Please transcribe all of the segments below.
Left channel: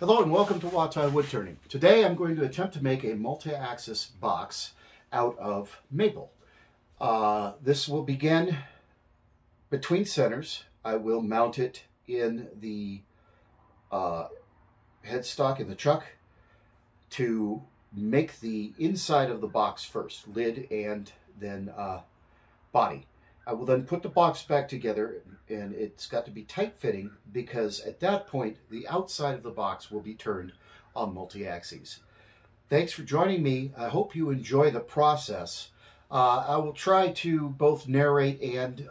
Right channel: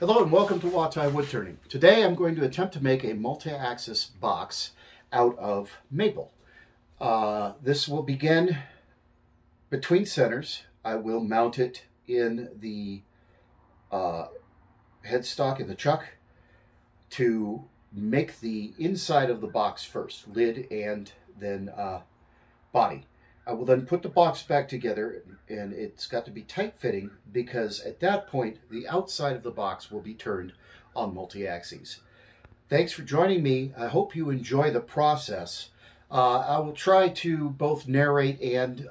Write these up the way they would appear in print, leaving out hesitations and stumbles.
Hello and welcome to Watai Wood Turning. Today I'm going to attempt to make a multi-axis box out of maple. This will begin between centers. I will mount it in the headstock in the chuck to make the inside of the box first, lid and then body. I will then put the box back together, and it's got to be tight-fitting because at that point the outside of the box will be turned on multi-axes. Thanks for joining me. I hope you enjoy the process. I will try to both narrate and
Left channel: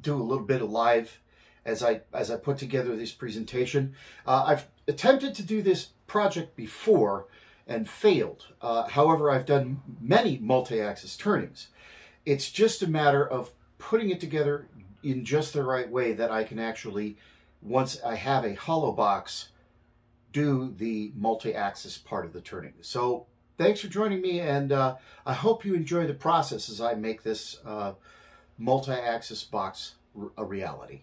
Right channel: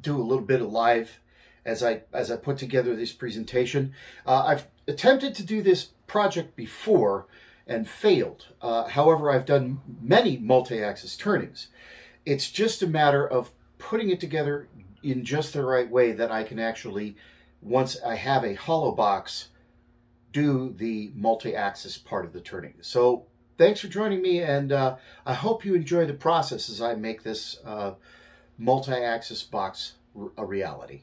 do a little bit of live as I put together this presentation. I've attempted to do this project before and failed. However, I've done many multi-axis turnings. It's just a matter of putting it together in just the right way that I can actually, once I have a hollow box, do the multi-axis part of the turning. So thanks for joining me, and I hope you enjoy the process as I make this multi-axis box a reality.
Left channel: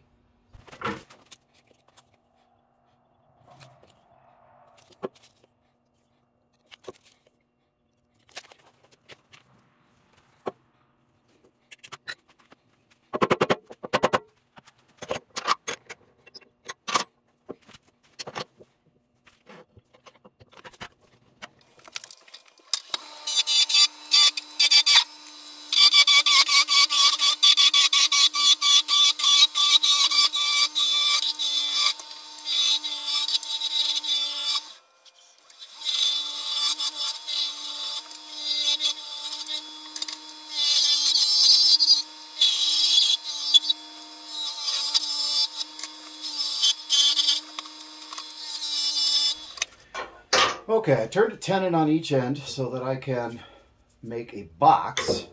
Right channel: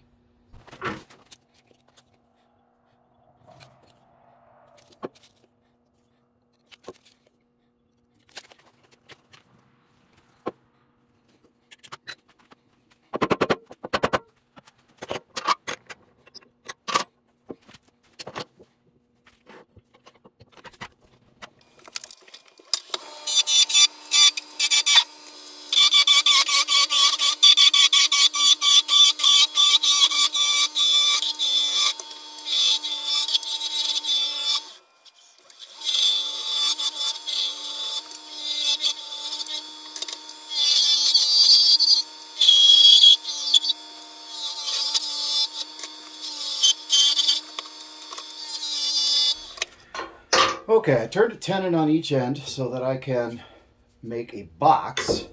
Okay, I turned a tenon on each end so that I can make a box,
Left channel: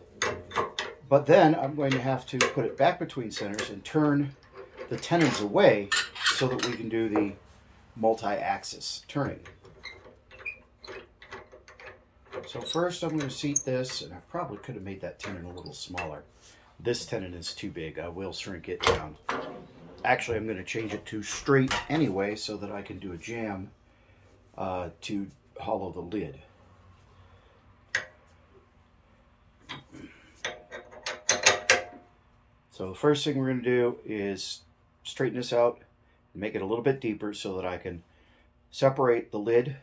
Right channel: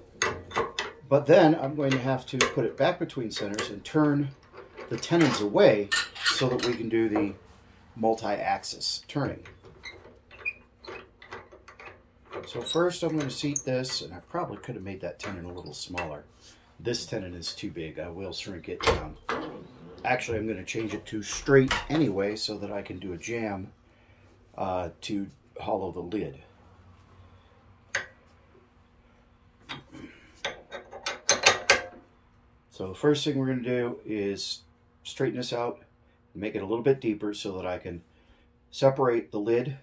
but then I'm going to have to put it back between centers and turn the tenons away so that we can do the multi-axis turning. So first I'm going to seat this, and I probably could have made that tenon a little smaller. This tenon is too big. I will shrink it down. Actually, I'm going to change it to straight anyway so that I can do a jam to hollow the lid. So the first thing we're going to do is straighten this out, make it a little bit deeper so that I can separate the lid,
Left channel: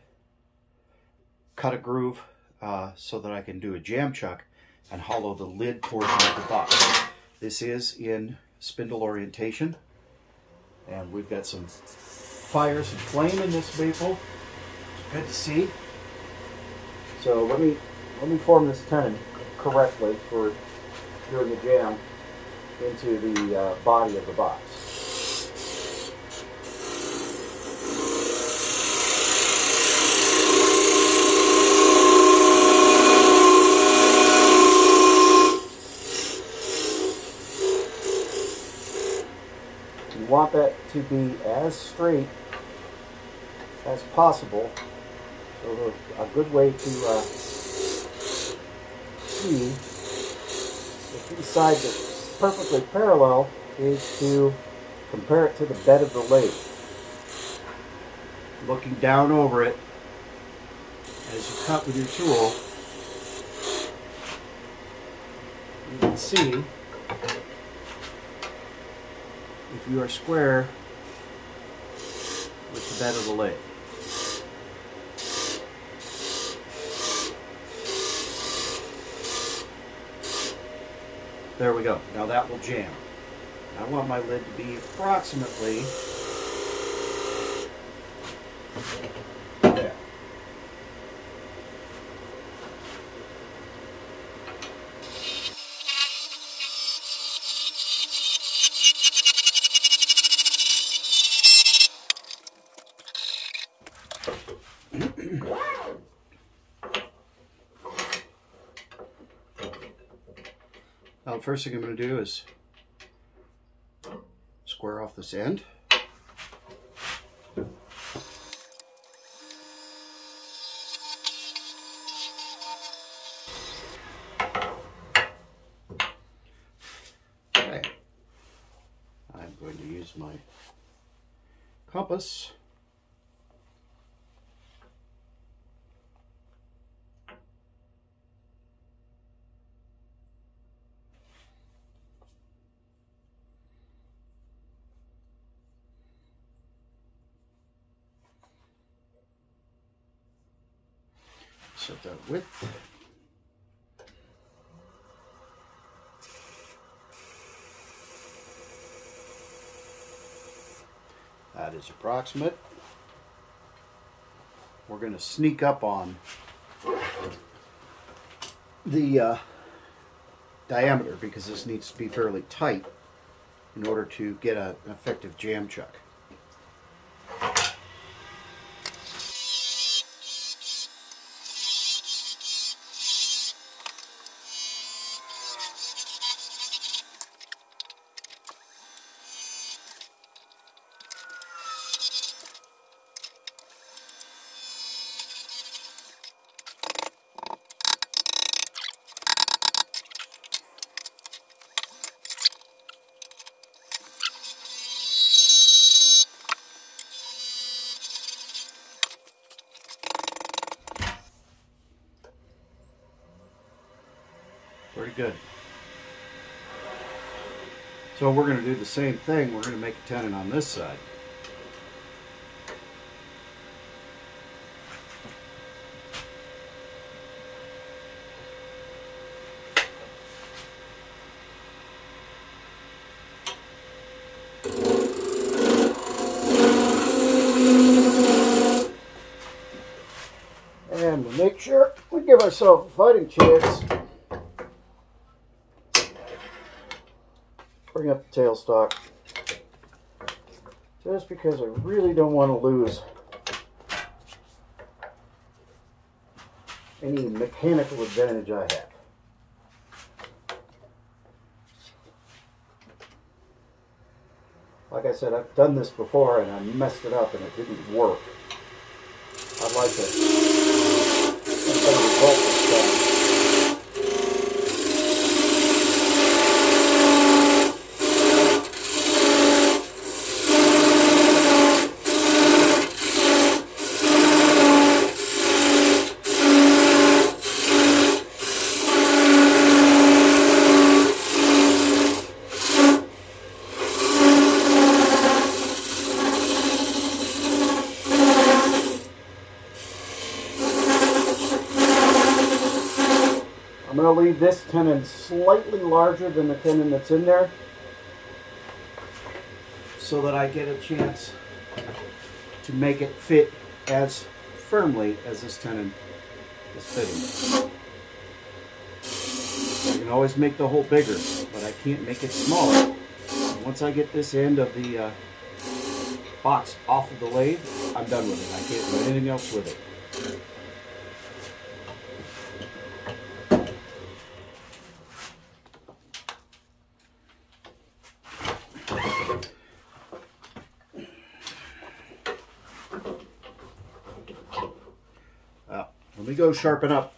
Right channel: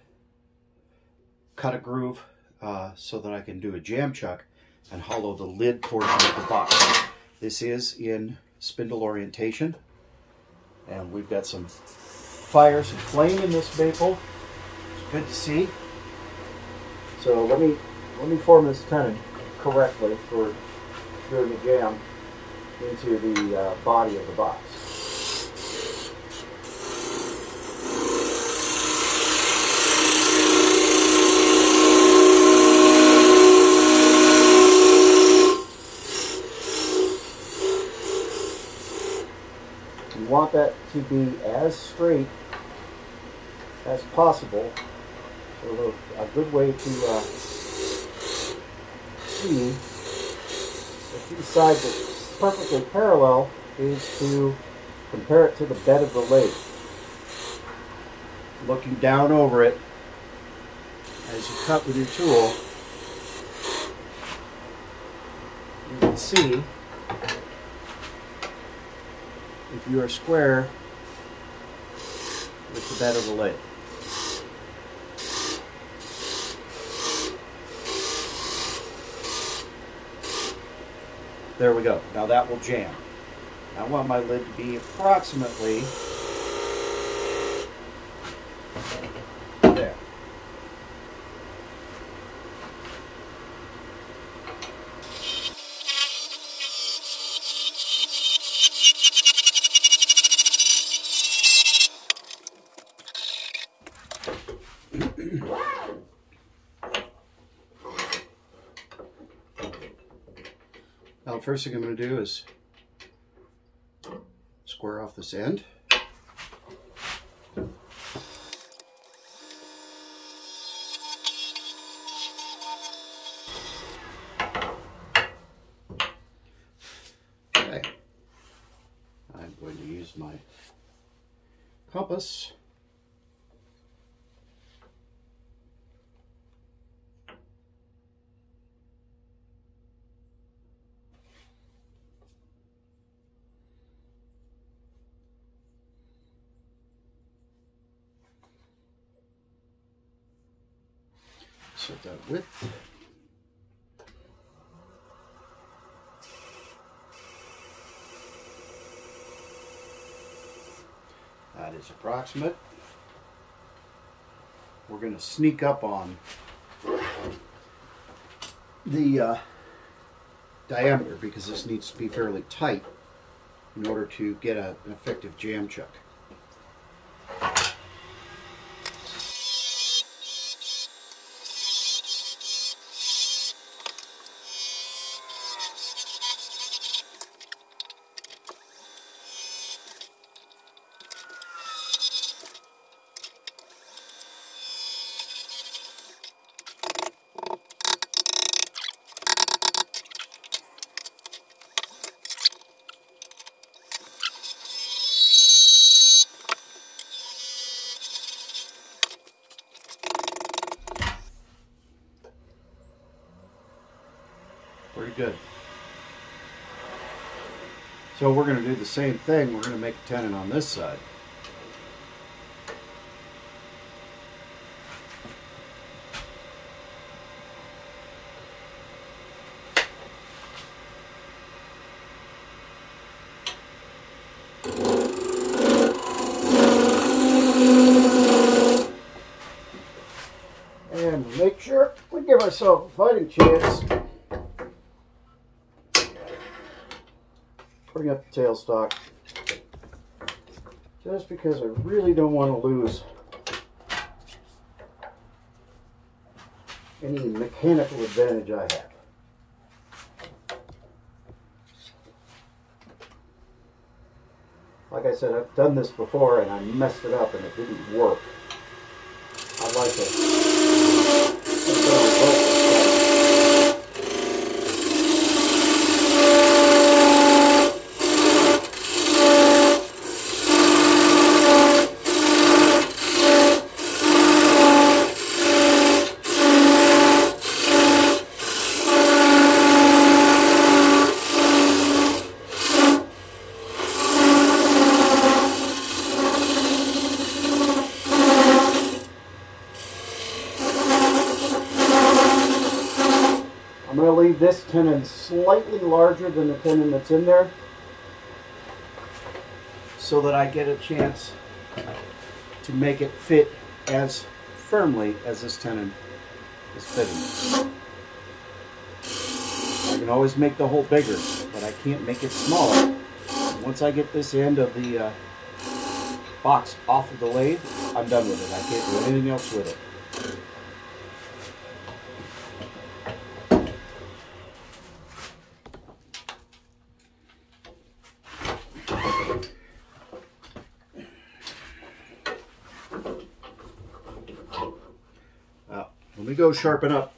cut a groove so that I can do a jam chuck and hollow the lid portion of the box. This is in spindle orientation, and we've got some fire, some flame in this maple. Good to see. So let me form this tenon correctly for doing a jam into the body of the box. You want that to be as straight as possible. So a good way to see if these sides are perfectly parallel is to compare it to the bed of the lathe. Looking down over it as you cut with your tool, you can see if you are square with the bed of the lathe. There we go. Now that will jam. I want my lid to be approximately there. Now the first thing I'm going to do is square off this end. Okay. I'm going to use my compass set that width. That is approximate. We're going to sneak up on the diameter because this needs to be fairly tight in order to get an effective jam chuck. Pretty good. So we're going to do the same thing. We're going to make a tenon on this side. And to make sure we give ourselves a fighting chance, bring up the tailstock, just because I really don't want to lose any mechanical advantage I have. Like I said, I've done this before and I messed it up and it didn't work. I'd like to get a better result this time. I'm going to leave this tenon slightly larger than the tenon that's in there so that I get a chance to make it fit as firmly as this tenon is fitting. I can always make the hole bigger, but I can't make it smaller. Once I get this end of the box off of the lathe, I'm done with it. I can't do anything else with it. Let me go sharpen up.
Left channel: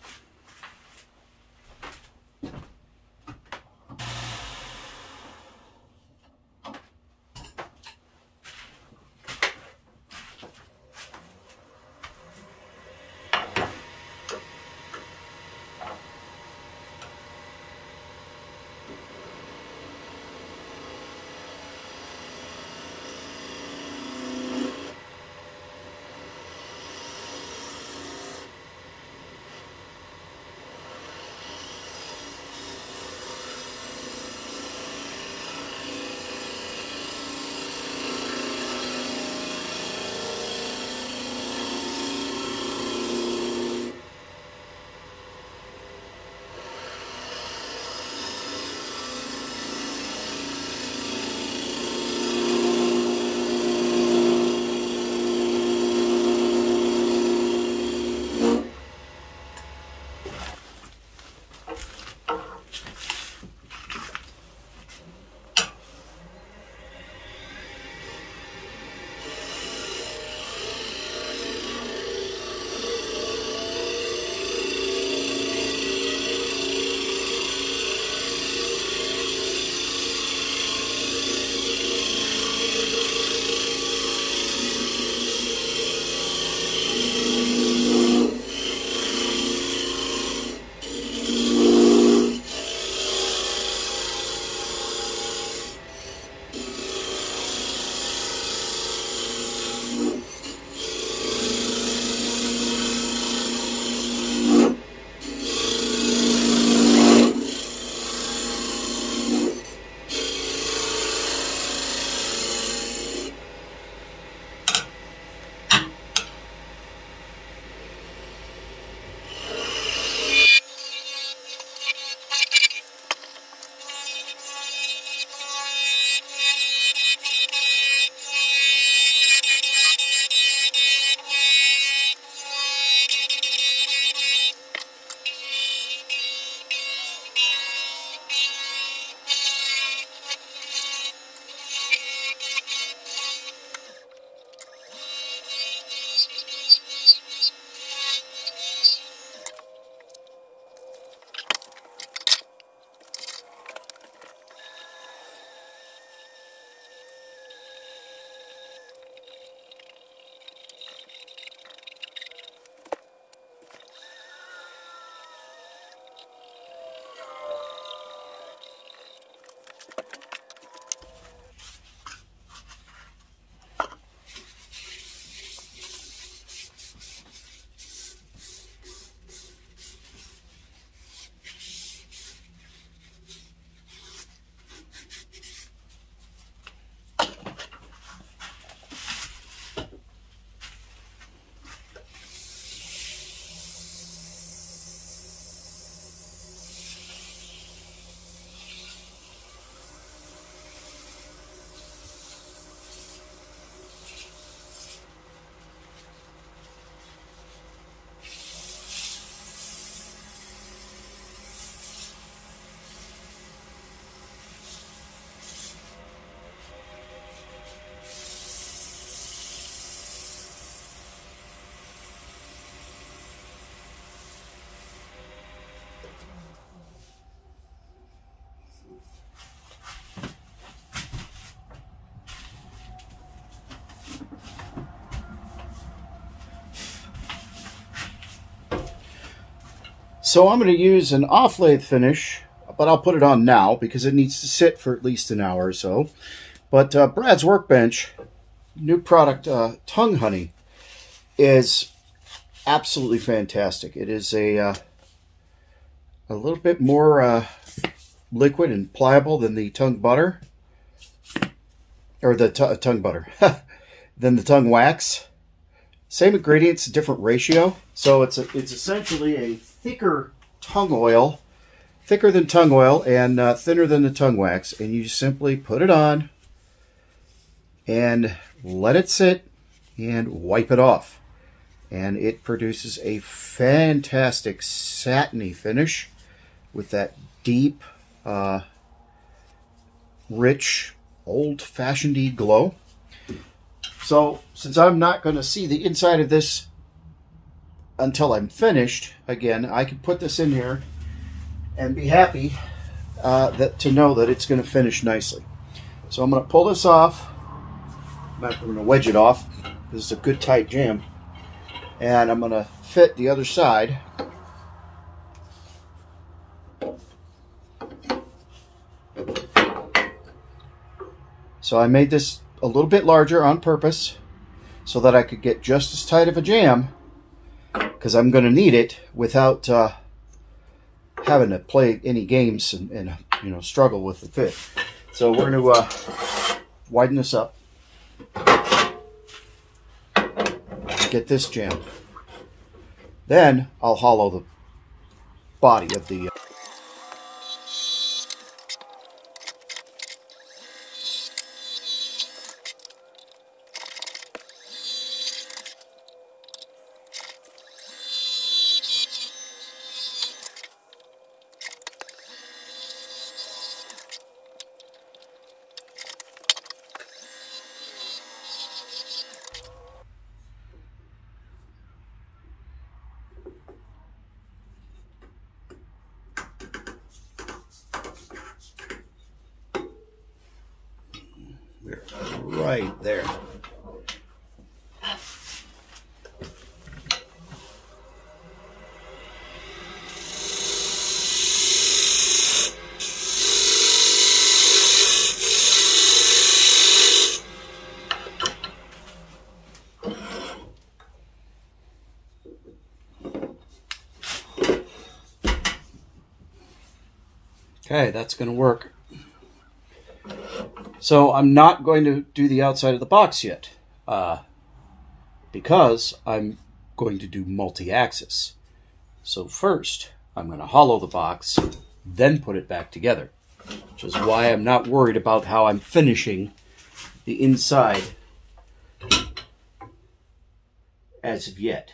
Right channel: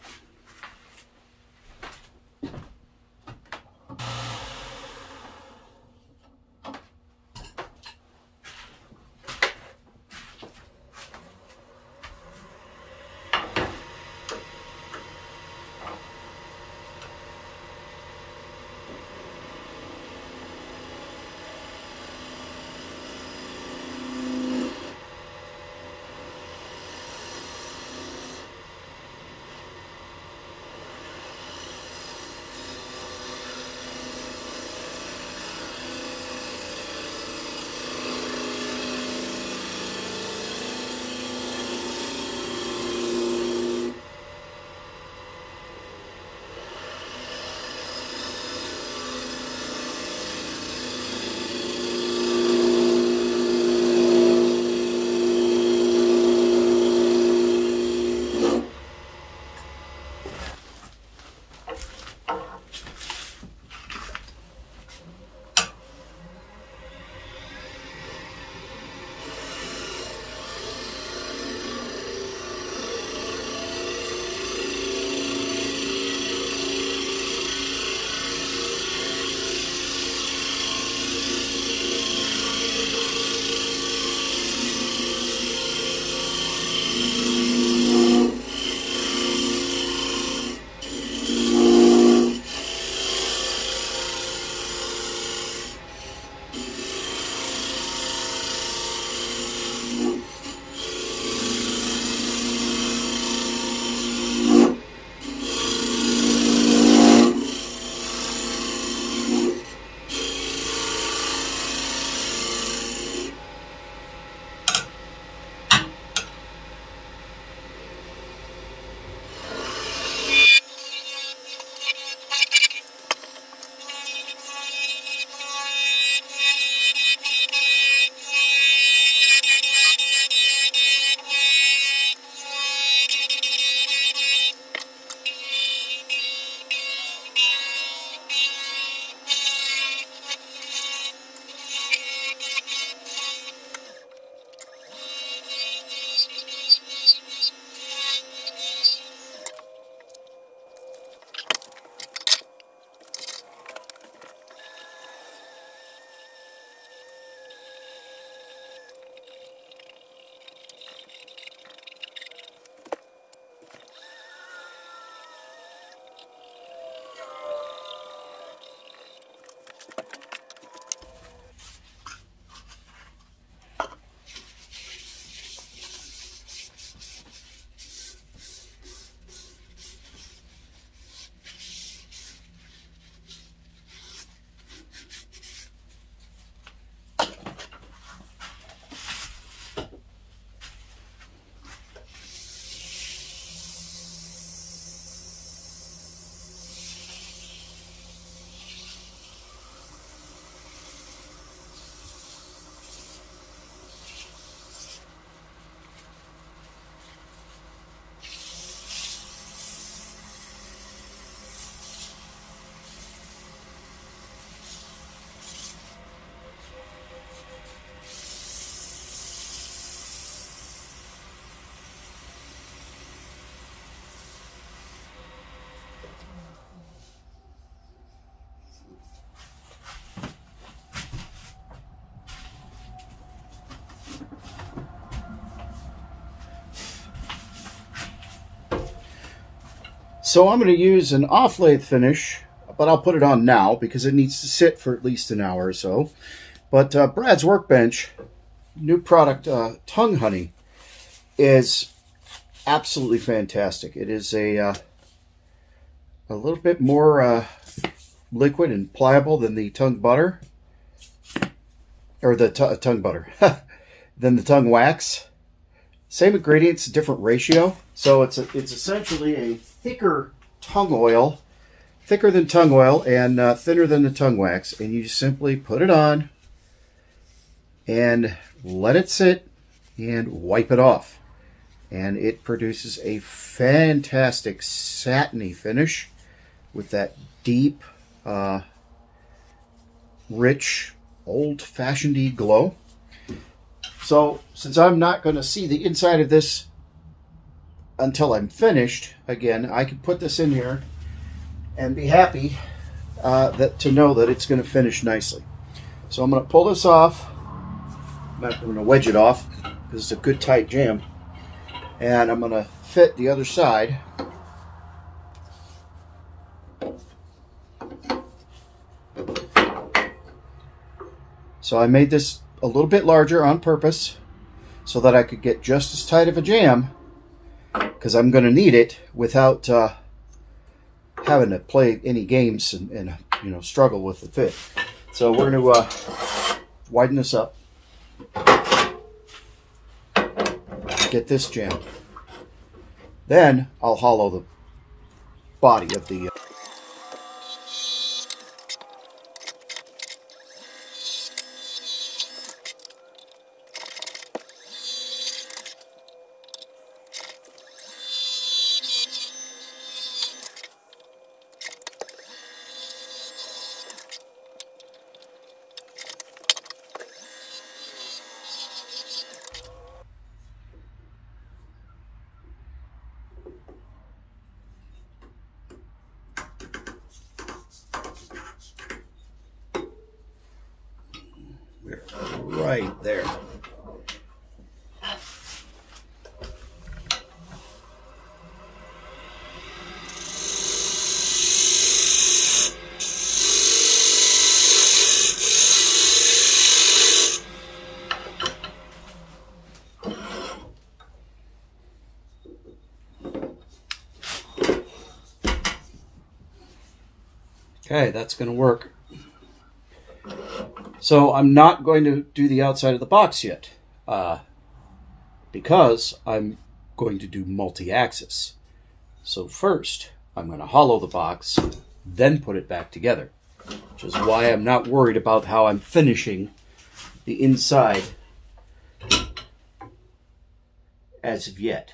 So I'm going to use an off-lathe finish, but I'll put it on now because it needs to sit for at least an hour or so. But Brad's Workbench, new product, Tongue Honey, is absolutely fantastic. It is a little bit more liquid and pliable than the tongue butter, or the tongue butter, than the tongue wax. Same ingredients, different ratio. So it's essentially a thicker tongue oil, thicker than tongue oil and thinner than the tongue wax. And you simply put it on and let it sit and wipe it off. And it produces a fantastic satiny finish with that deep, rich, old-fashioned-y glow. So, since I'm not going to see the inside of this until I'm finished, again, I can put this in here and be happy to know that it's going to finish nicely. So I'm going to pull this off. I'm going to wedge it off because it's a good tight jam. And I'm going to fit the other side. So I made this a little bit larger on purpose so that I could get just as tight of a jam, because I'm going to need it without having to play any games and you know, struggle with the fit. So we're going to widen this up. Get this jam. Then I'll hollow the body of the right there. Okay, that's going to work. So I'm not going to do the outside of the box yet, because I'm going to do multi-axis. So first, I'm going to hollow the box, then put it back together, which is why I'm not worried about how I'm finishing the inside as of yet.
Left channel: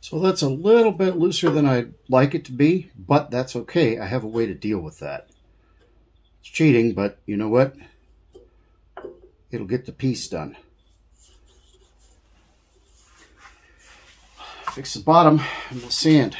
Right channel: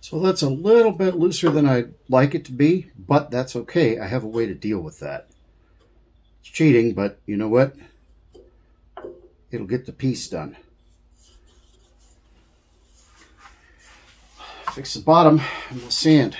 So that's a little bit looser than I'd like it to be, but that's okay. I have a way to deal with that. It's cheating, but you know what? It'll get the piece done. Fix the bottom and we'll sand.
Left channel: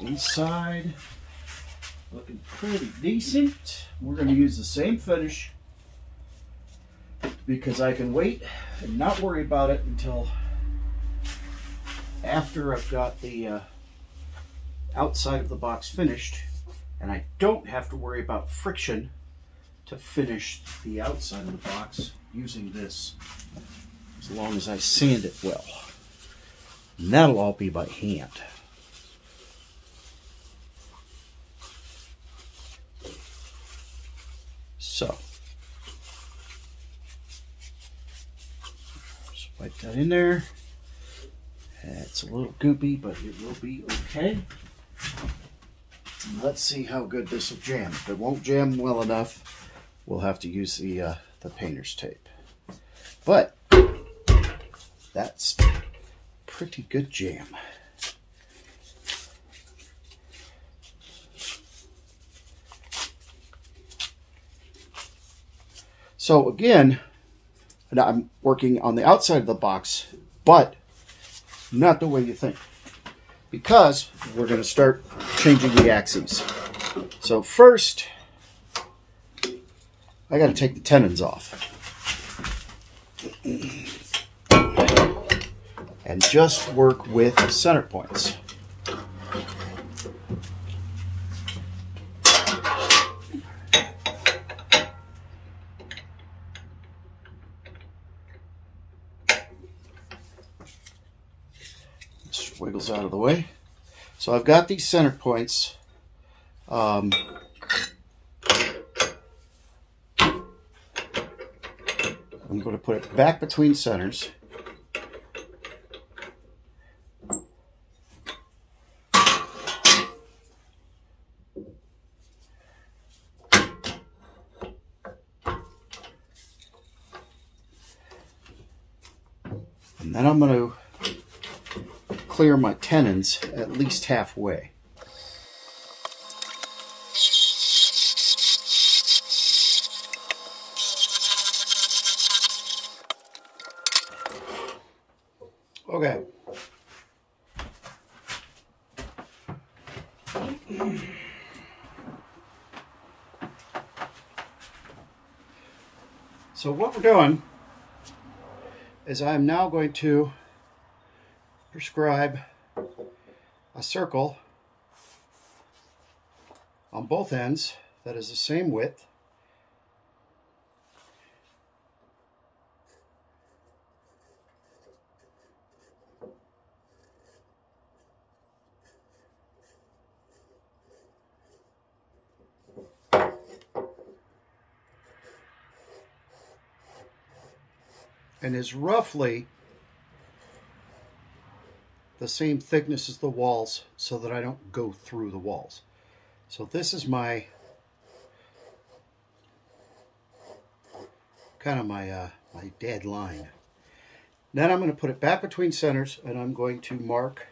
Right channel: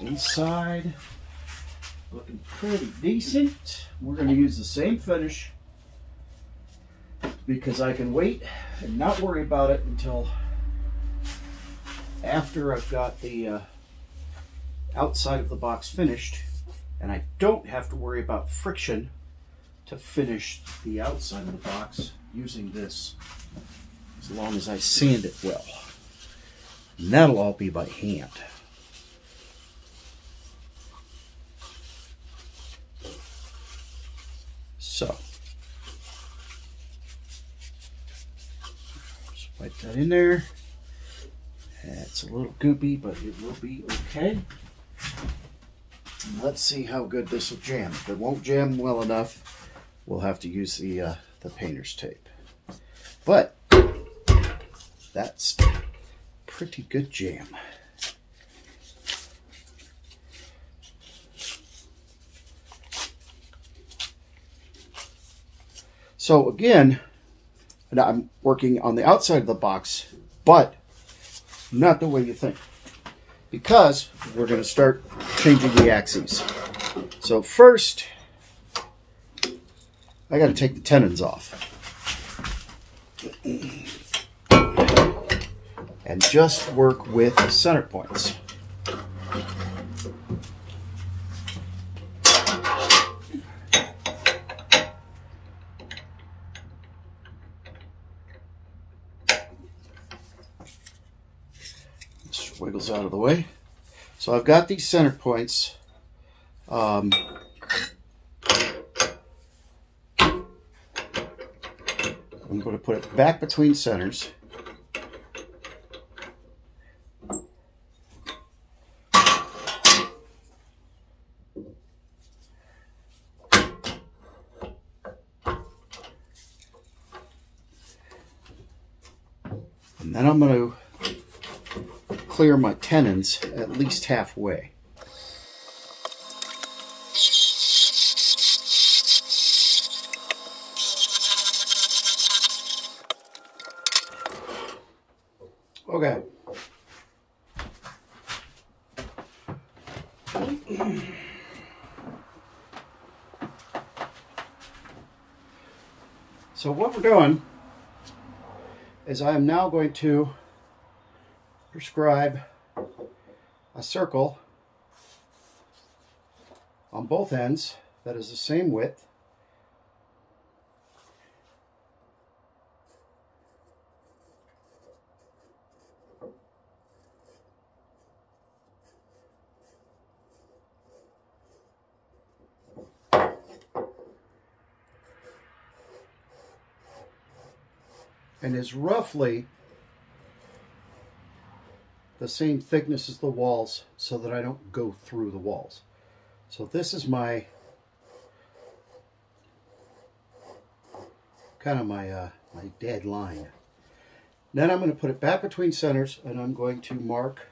Inside. Looking pretty decent. We're going to use the same finish because I can wait and not worry about it until after I've got the outside of the box finished, and I don't have to worry about friction to finish the outside of the box using this, as long as I sand it well. And that'll all be by hand. So, just wipe that in there. It's a little goopy, but it will be okay. Let's see how good this will jam. If it won't jam well enough, we'll have to use the painter's tape. But that's pretty good jam. So again, I'm working on the outside of the box, but not the way you think, because we're going to start changing the axes. So first, I got to take the tenons off and just work with the center points. Just wiggles out of the way. So I've got these center points. I'm going to put it back between centers. And then I'm going to clear my tenons at least halfway. Okay. So what we're doing is I'm now going to prescribe a circle on both ends that is the same width. And is roughly the same thickness as the walls, so that I don't go through the walls. So this is my kind of my dead line. Then I'm going to put it back between centers, and I'm going to mark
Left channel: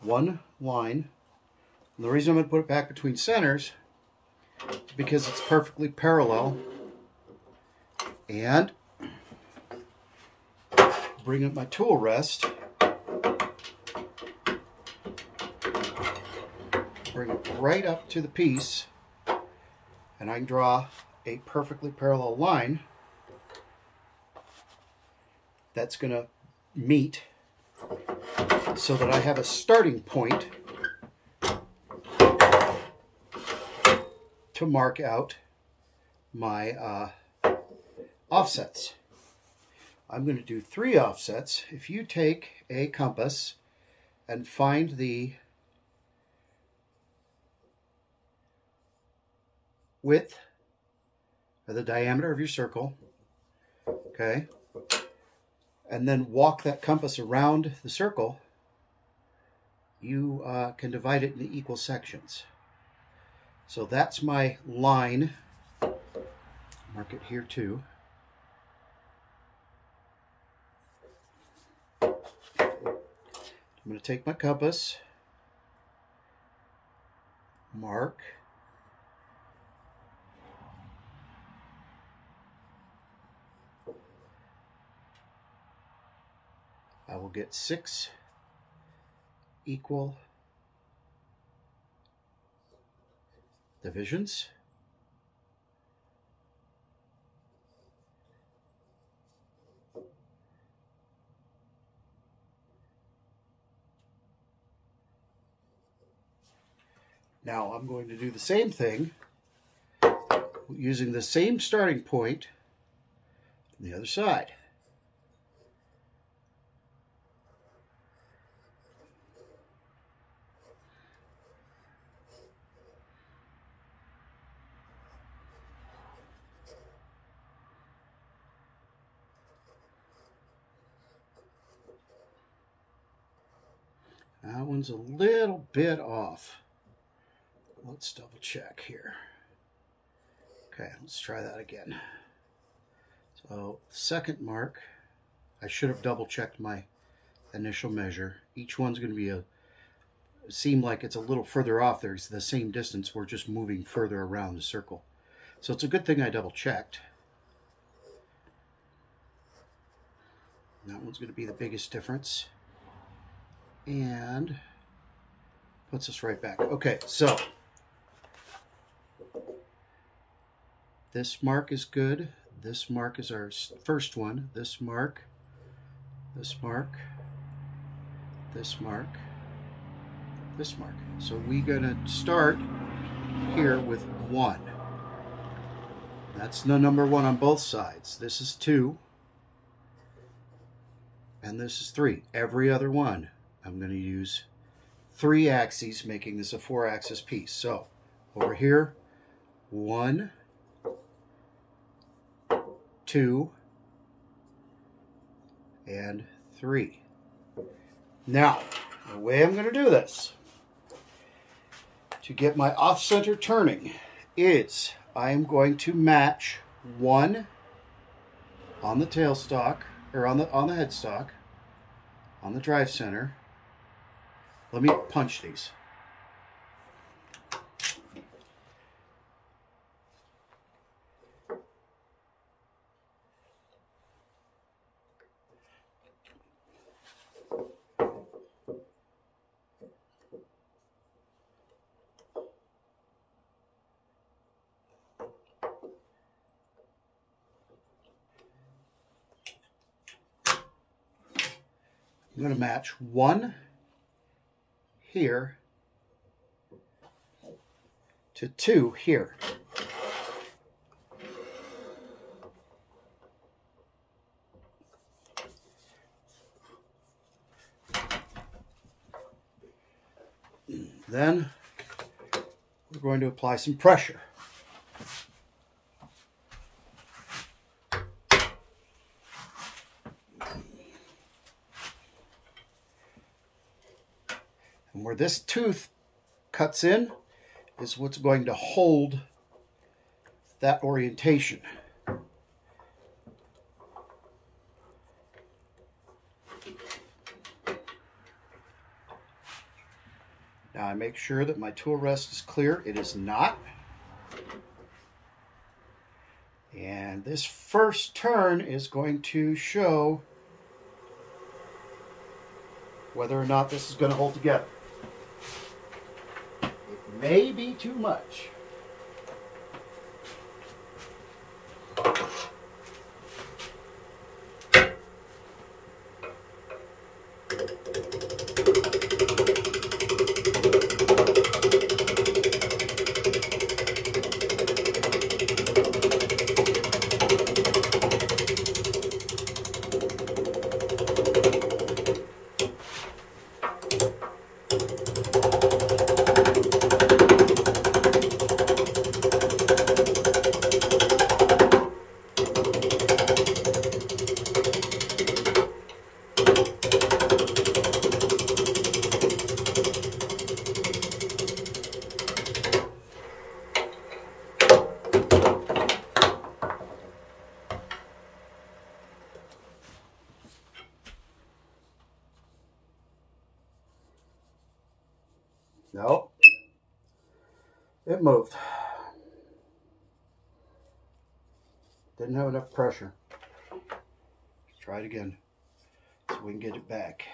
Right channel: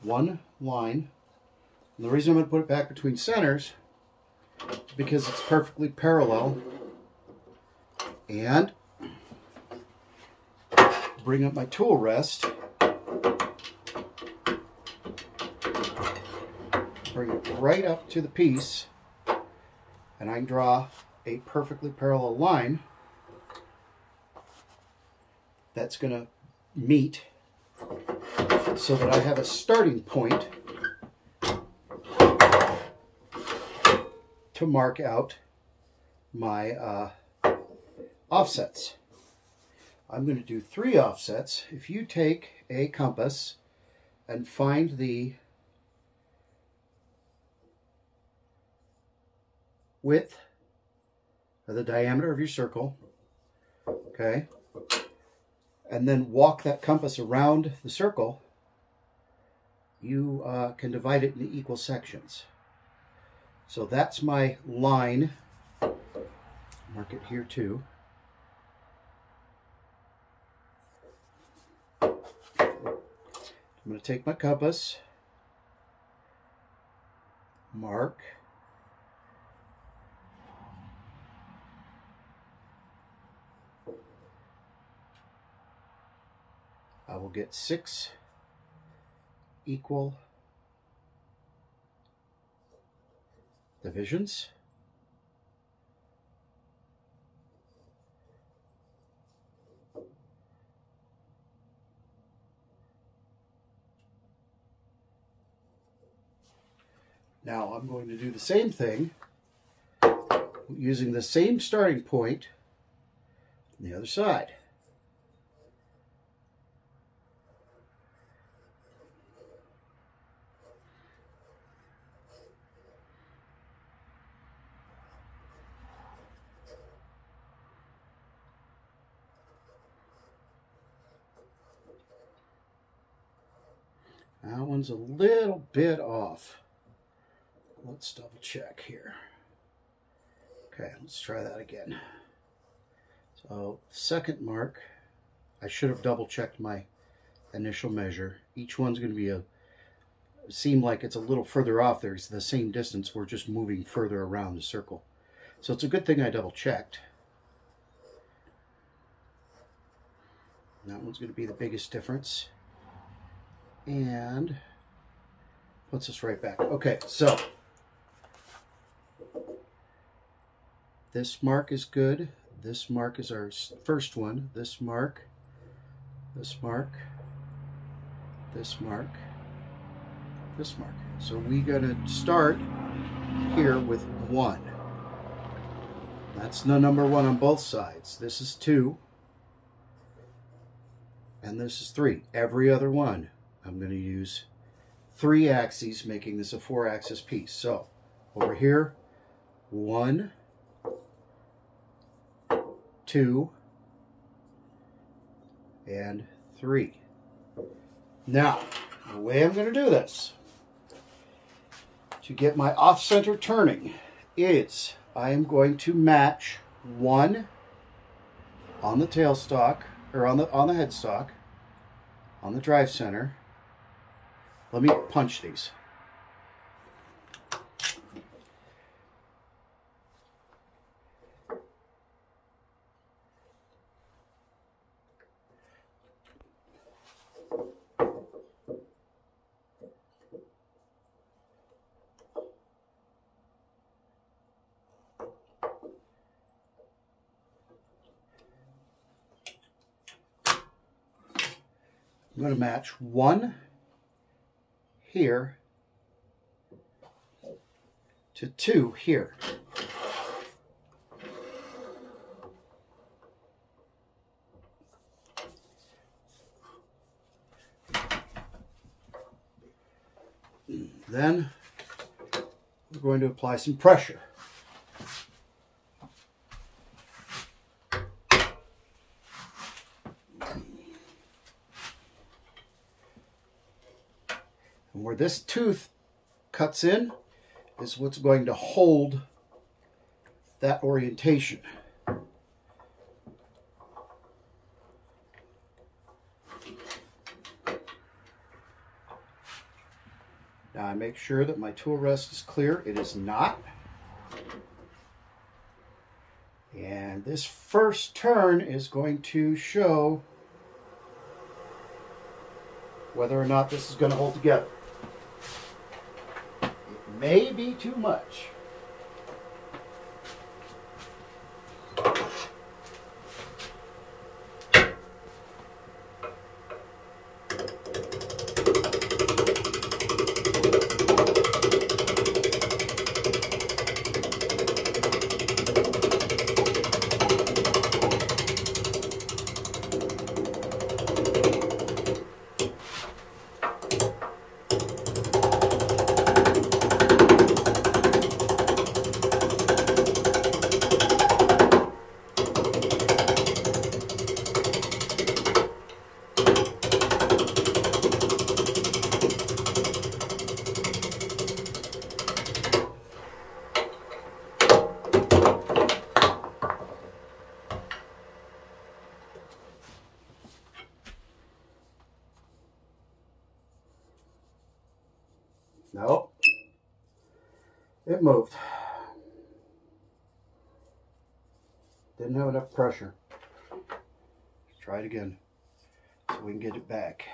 one line. And the reason I'm going to put it back between centers is because it's perfectly parallel, and bring up my tool rest, bring it right up to the piece, and I can draw a perfectly parallel line that's going to meet, so that I have a starting point to mark out my offsets. I'm going to do 3 offsets. If you take a compass and find the width or the diameter of your circle, okay, and then walk that compass around the circle, you can divide it into equal sections. So that's my line. Mark it here too. I'm going to take my compass, mark, I will get 6 equal divisions. Now I'm going to do the same thing using the same starting point on the other side. That one's a little bit off. Let's double check here. Okay, let's try that again. So, second mark, I should have double checked my initial measure. Each one's going to be seem like it's a little further off there. It's the same distance. We're just moving further around the circle. So it's a good thing I double checked. That one's going to be the biggest difference. And puts us right back. Okay, so this mark is good. This mark is our first one. This mark, this mark, this mark, this mark. So we're going to start here with 1. That's the number 1 on both sides. This is 2. And this is 3. Every other one, I'm going to use 3 axes, making this a 4-axis piece. So over here, 1, 2, and 3. Now, the way I'm going to do this to get my off-center turning is I am going to match 1 on the tailstock, or on the headstock, on the drive center. Let me punch these. I'm going to match 1 here to 2 here. Then we're going to apply some pressure. And where this tooth cuts in is what's going to hold that orientation. Now I make sure that my tool rest is clear. It is not. And this first turn is going to show whether or not this is going to hold together. It may be too much. Nope. It moved. Didn't have enough pressure. Let's try it again so we can get it back.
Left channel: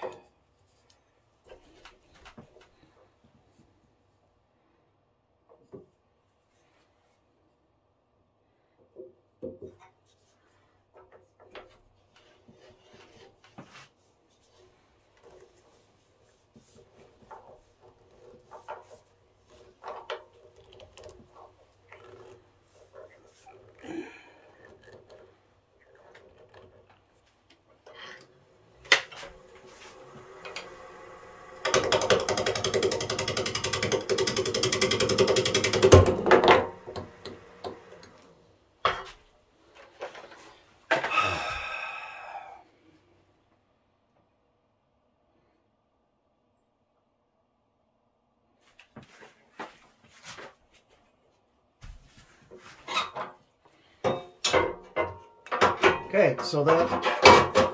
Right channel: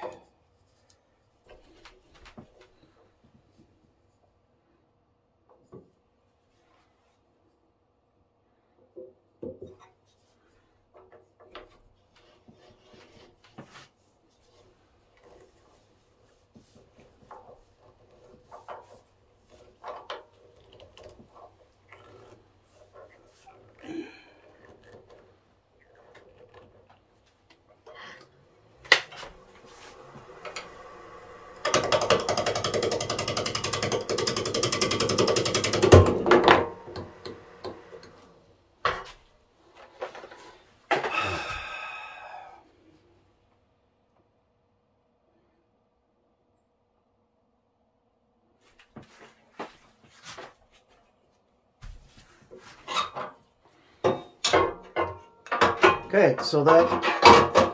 Okay, so that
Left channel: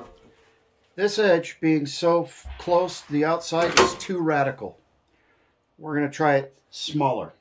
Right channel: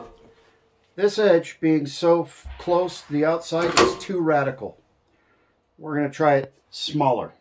this edge being so close to the outside is too radical. We're going to try it smaller.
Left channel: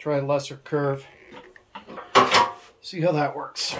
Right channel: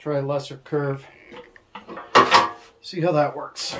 Try a lesser curve. See how that works.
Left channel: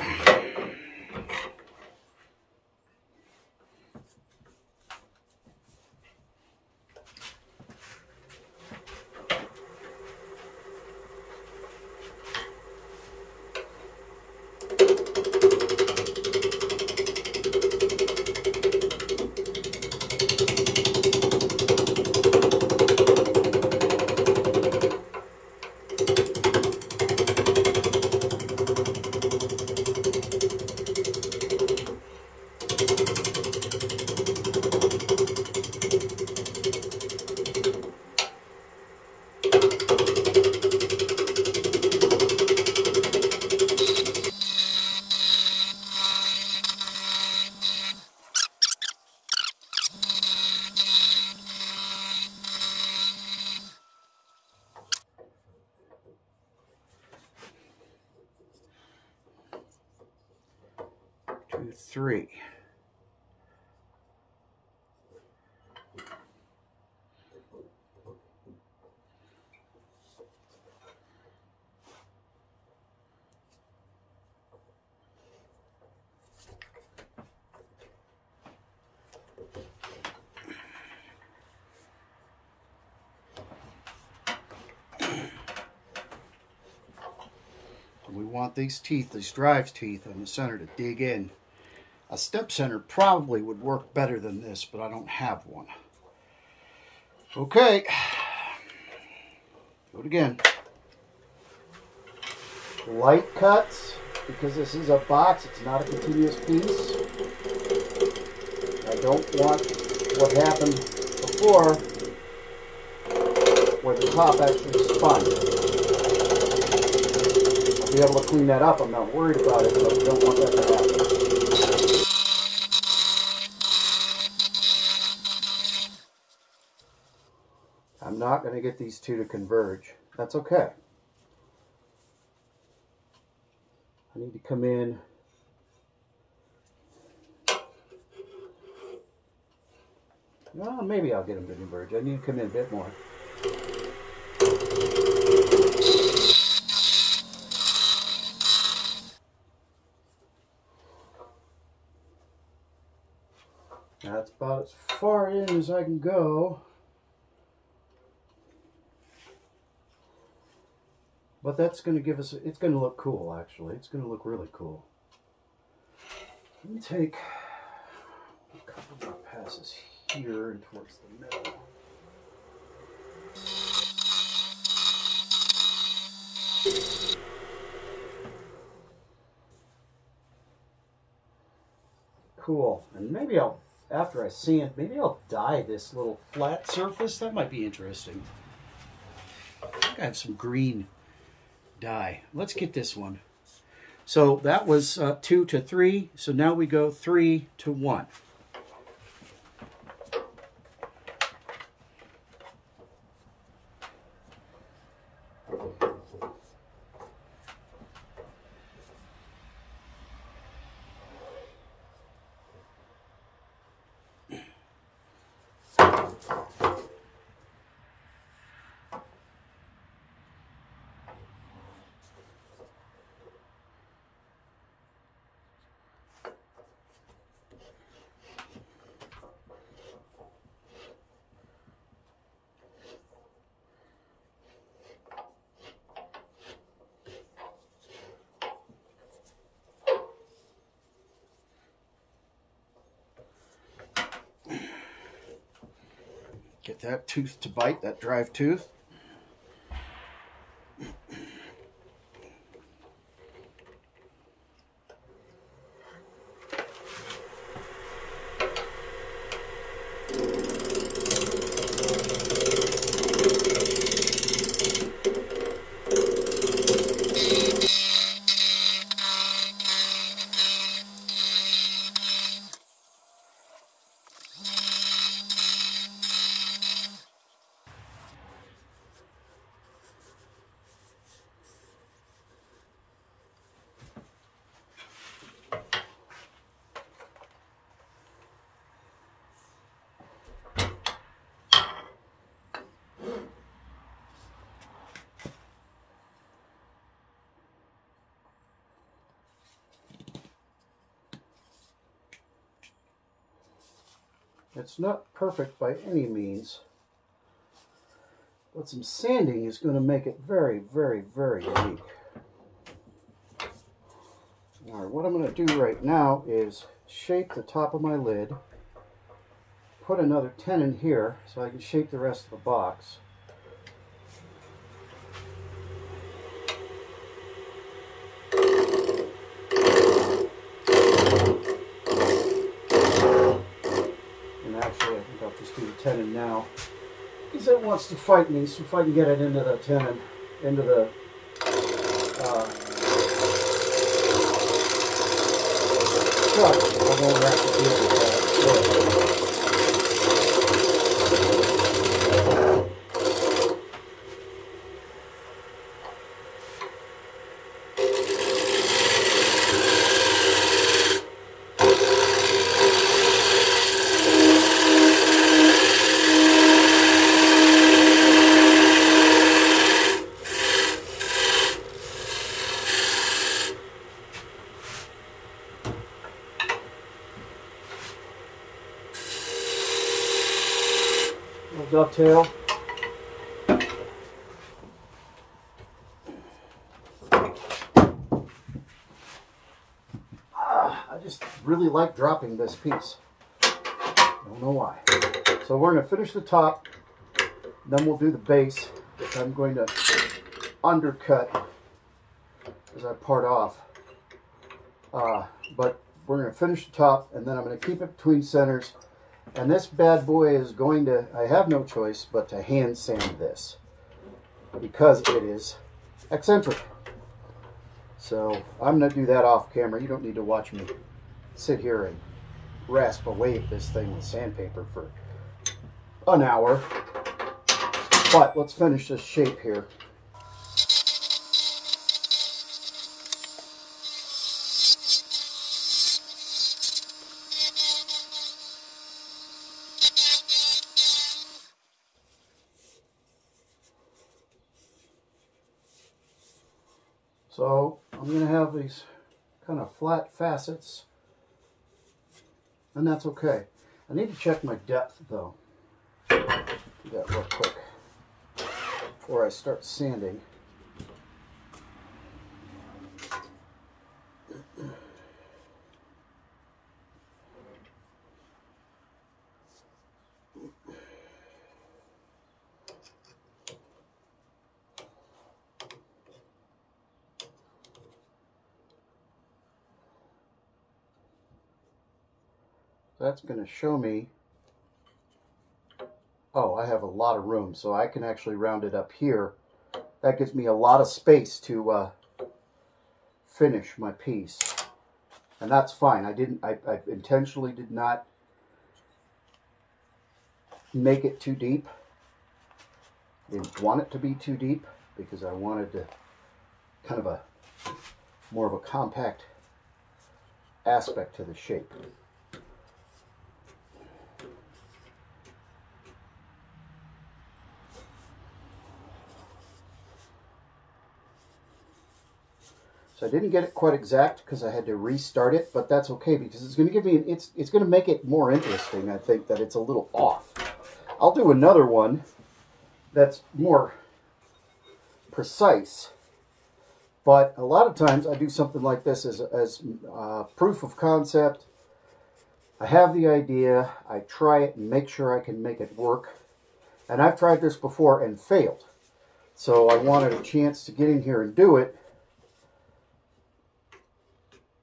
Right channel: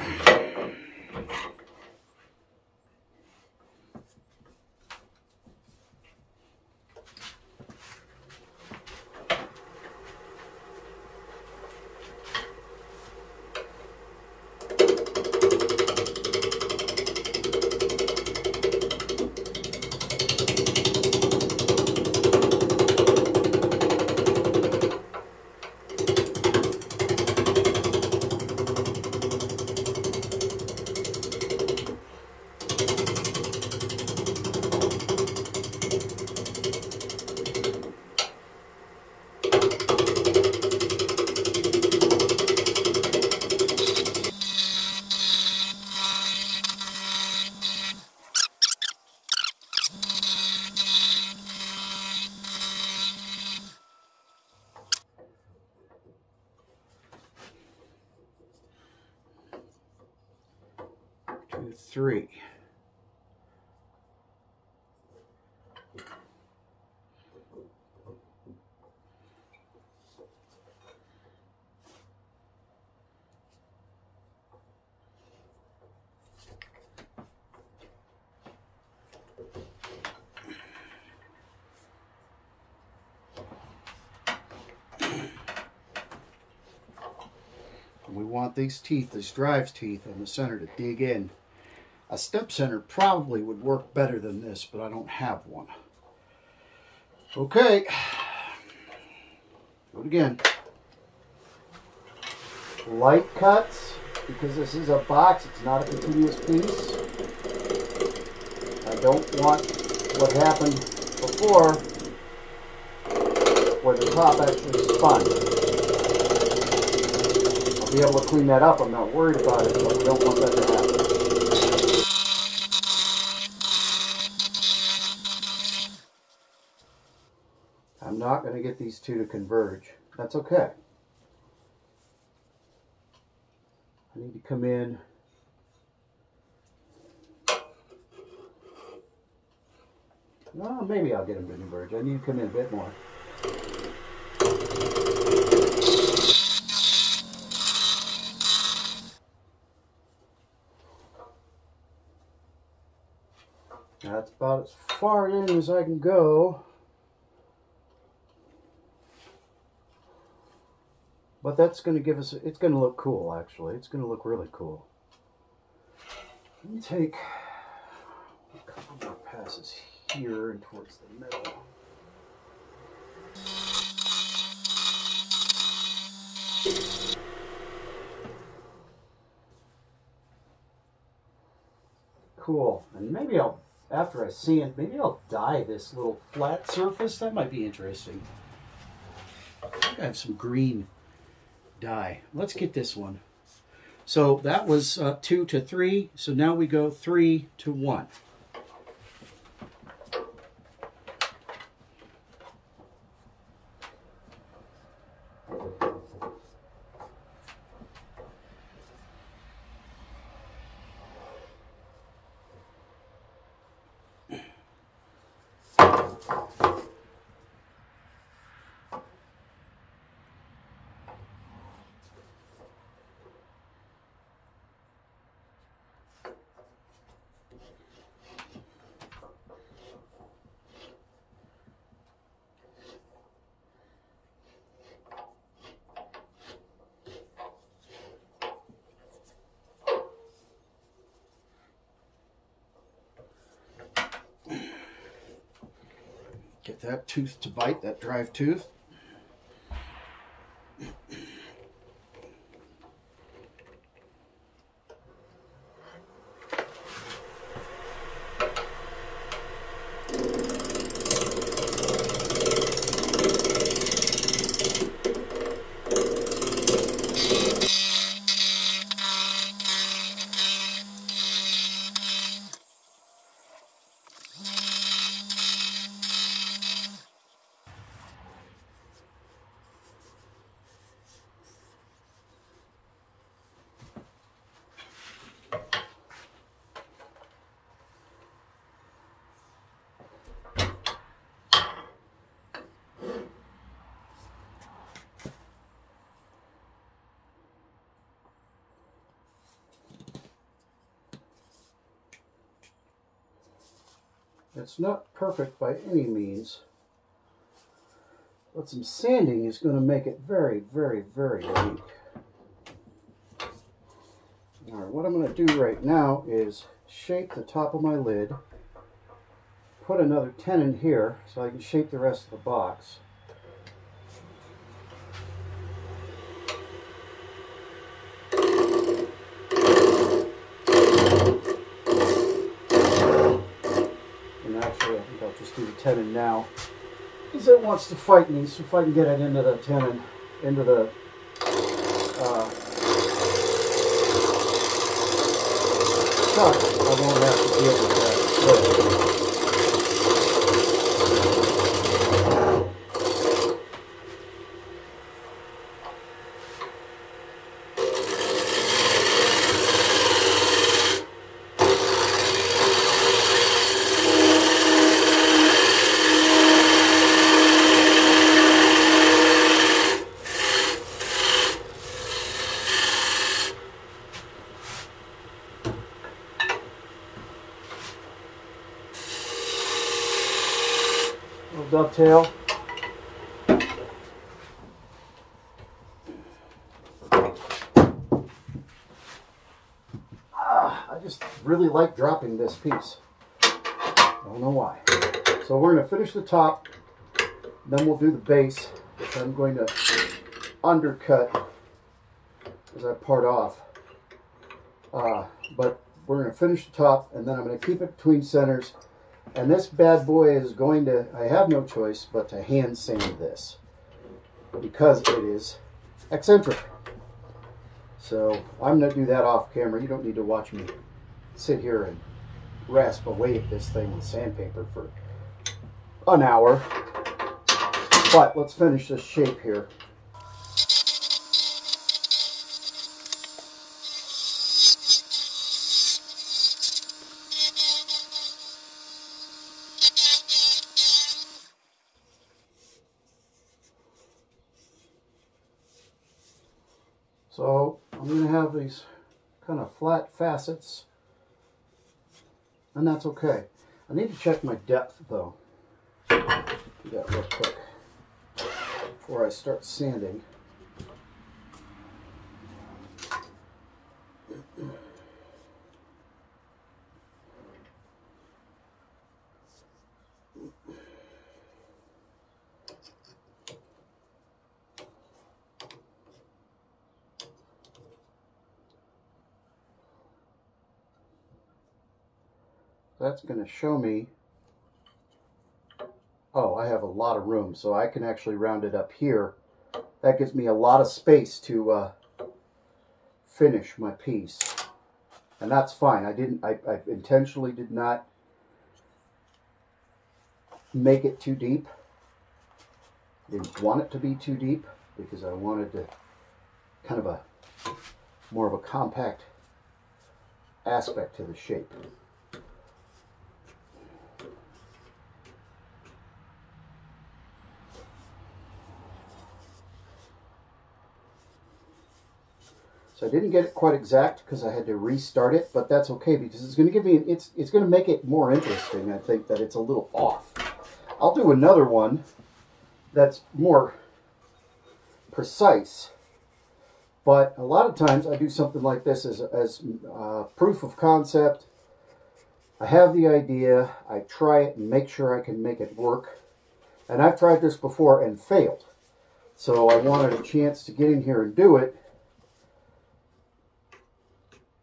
Three. We want these teeth, these drive teeth on the center to dig in. A step center probably would work better than this, but I don't have one. Okay, do it again. Light cuts, because this is a box, it's not a continuous piece. I don't want what happened before, where the top actually spun. I'll be able to clean that up. I'm not worried about it, but we don't want that to happen. I'm not going to get these two to converge. That's okay. I need to come in well, maybe I'll get them to converge. I need to come in a bit more. That's about as far in as I can go. But that's going to give us, it's going to look cool actually. It's going to look really cool. Let me take a couple more passes here and towards the middle. Cool. And maybe I'll, after I sand, maybe I'll dye this little flat surface. That might be interesting. I think I have some green dye. Let's get this one. So that was 2 to 3. So now we go 3 to 1. Get that tooth to bite, that drive tooth. It's not perfect by any means, but some sanding is going to make it very, very, very unique. All right, what I'm going to do right now is shape the top of my lid, put another tenon here so I can shape the rest of the box. Actually, I think I'll just do the tenon now because it wants to fight me. So if I can get it into the tenon, into the chuck, I won't have to deal with that. Dovetail. I just really like dropping this piece. I don't know why. So we're going to finish the top, then we'll do the base, which I'm going to undercut as I part off. But we're going to finish the top, and then I'm going to keep it between centers. And this bad boy is going to, I have no choice but to hand sand this. because it is eccentric. So I'm going to do that off camera. You don't need to watch me sit here and rasp away at this thing with sandpaper for an hour. But let's finish this shape here. So I'm going to have these kind of flat facets, and that's okay. I need to check my depth though. Do that real quick before I start sanding. That's going to show me, oh, I have a lot of room, so I can actually round it up here. That gives me a lot of space to finish my piece, and that's fine. I intentionally did not make it too deep. I didn't want it to be too deep because I wanted to kind of more of a compact aspect to the shape. So I didn't get it quite exact because I had to restart it, but that's okay because it's going to give me, it's going to make it more interesting, I think, that it's a little off. I'll do another one that's more precise, but a lot of times I do something like this as proof of concept. I have the idea, I try it and make sure I can make it work, and I've tried this before and failed. So I wanted a chance to get in here and do it.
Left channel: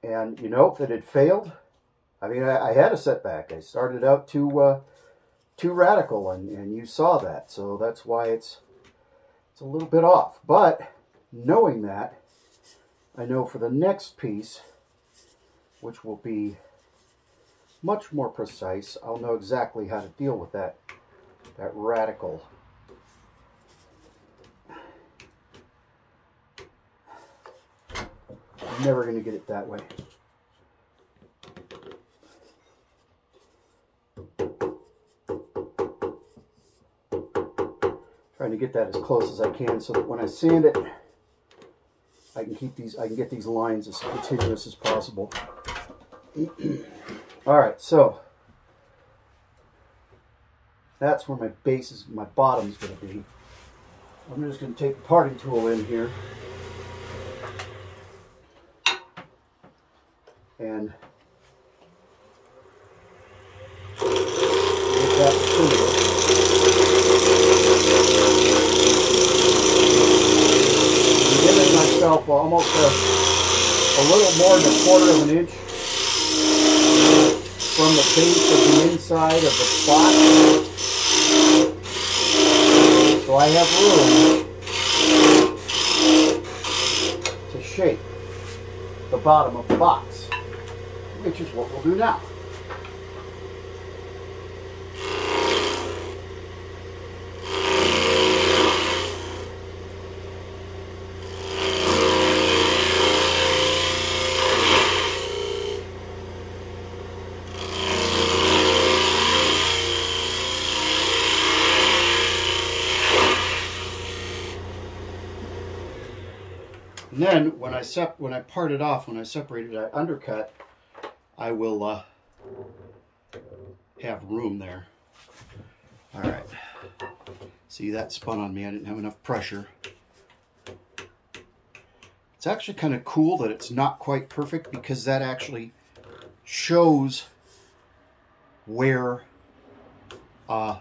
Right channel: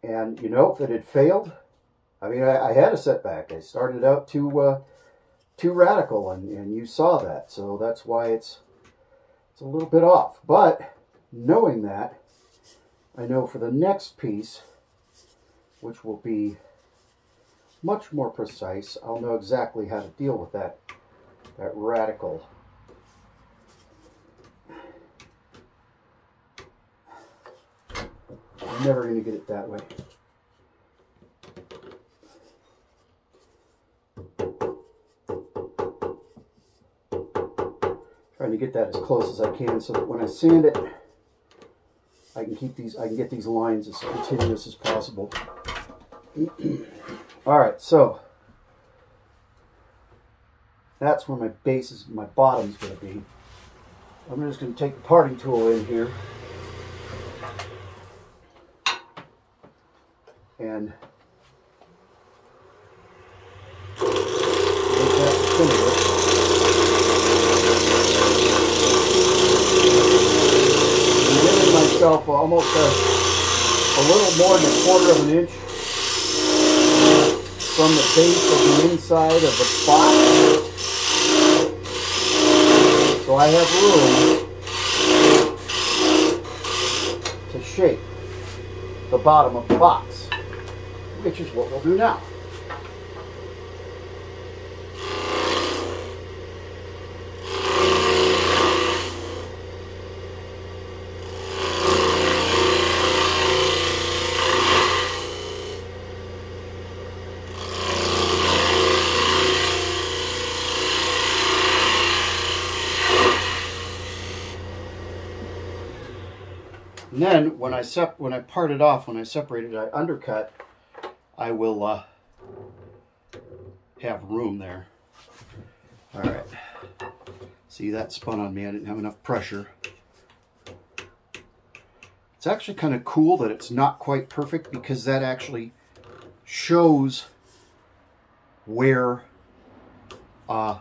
And, you know, if it had failed, I mean, I had a setback. I started out too radical, and you saw that. So that's why it's a little bit off. But knowing that, I know for the next piece, which will be much more precise, I'll know exactly how to deal with that radical. I'm never going to get it that way. Trying to get that as close as I can so that when I sand it, I can get these lines as continuous as possible. All right, so that's where my base is, my bottom is going to be. I'm just going to take the parting tool in here and make that the center. I'm giving myself almost a little more than 1/4 of an inch from the base of the inside of the box, so I have room to shape the bottom of the box, which is what we'll do now. And then when I part it off, when I separate it, I undercut, I will have room there. All right. See, that spun on me. I didn't have enough pressure. It's actually kind of cool that it's not quite perfect because that actually shows where how